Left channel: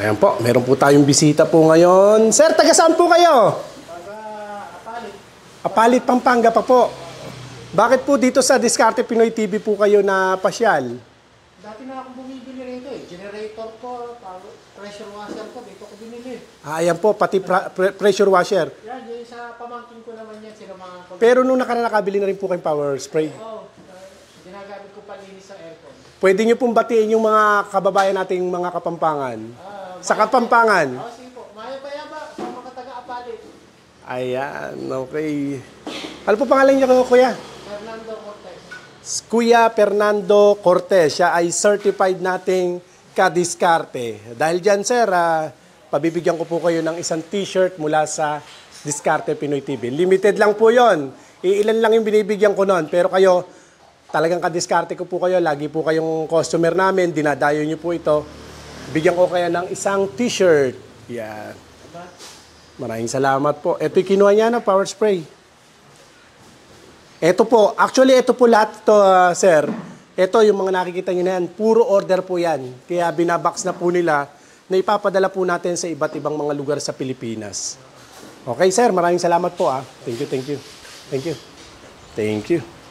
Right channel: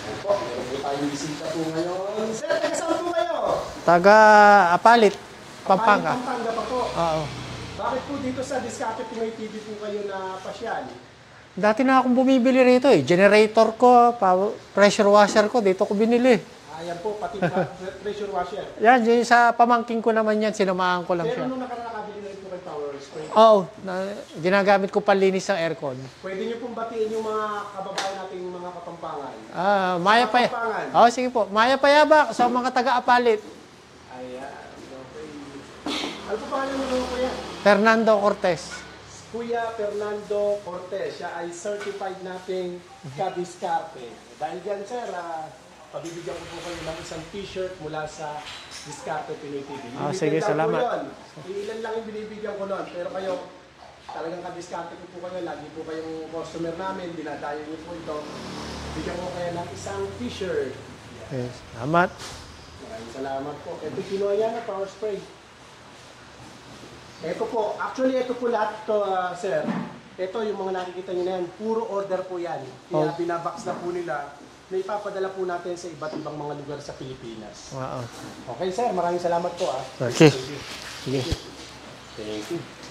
Ayan po, meron po tayong bisita po ngayon. Sir, taga saan po kayo? Taga Apalit. Apalit, Pampanga pa po. Oo. Bakit po dito sa Diskarte Pinoy TV po kayo na pasyal? Dati na akong bumibili rito eh. Generator ko, pressure washer ko, dito ko binili. Ayan po, pati pressure washer. Yan, yung sa pamangking ko naman yan, sinamahan ko lang. Pero yan. nung nakabili na rin po kayong power spray. Oo, ginagamit ko panlinis ng aircon. Pwede nyo pong batiin yung mga kababayan nating mga Kapampangan. Sa Kapampangan. Oo, sige po. Maya Payabak, sa mga taga-Apalit. Ayan, okay. Ano po pangalan niyo, kuya? Fernando Cortez. Kuya Fernando Cortez, siya ay certified nating ka-diskarte. Dahil dyan, sir, pabibigyan ko po kayo ng isang t-shirt mula sa Diskarte Pinoy TV. Limited sige, lang po salamat. yon. Iilan lang yung binibigyan ko noon. Pero kayo, talagang ka-diskarte ko po kayo. Lagi po kayong customer namin. Dinadayo niyo po ito. Bigyan ko kayo ng isang t-shirt. Yeah. Salamat. Maraming salamat po. Ito yung kinuha niya na power spray. Ito po, actually ito po lahat to, sir. Ito yung mga nakikita nyo na yan, puro order po yan. Kaya binabox na po nila na ipapadala po natin sa iba't ibang mga lugar sa Pilipinas. Wow. Okay sir, maraming salamat po. Thank you. Thank you.